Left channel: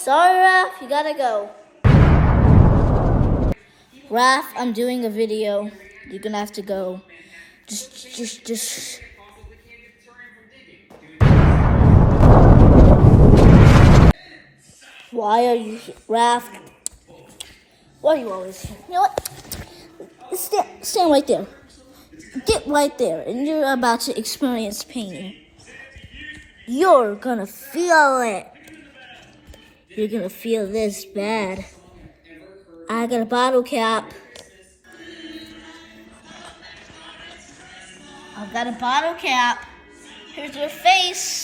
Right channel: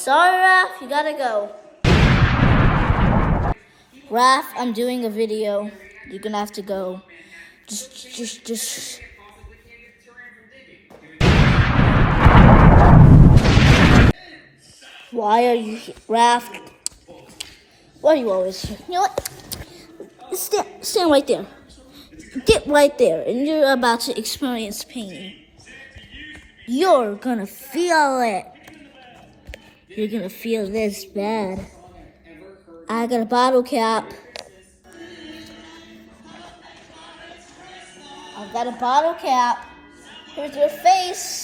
Sorry, Raph, you gotta go. Raph, I'm doing a video. You're gonna have to go. Just. Why are you here? Raph? Why are you always here? You know what? Stand right there. Get right there, and you're about to experience pain. You're gonna feel it. You're gonna feel this bad. I got a bottle cap. I've got a bottle cap. Here's your face.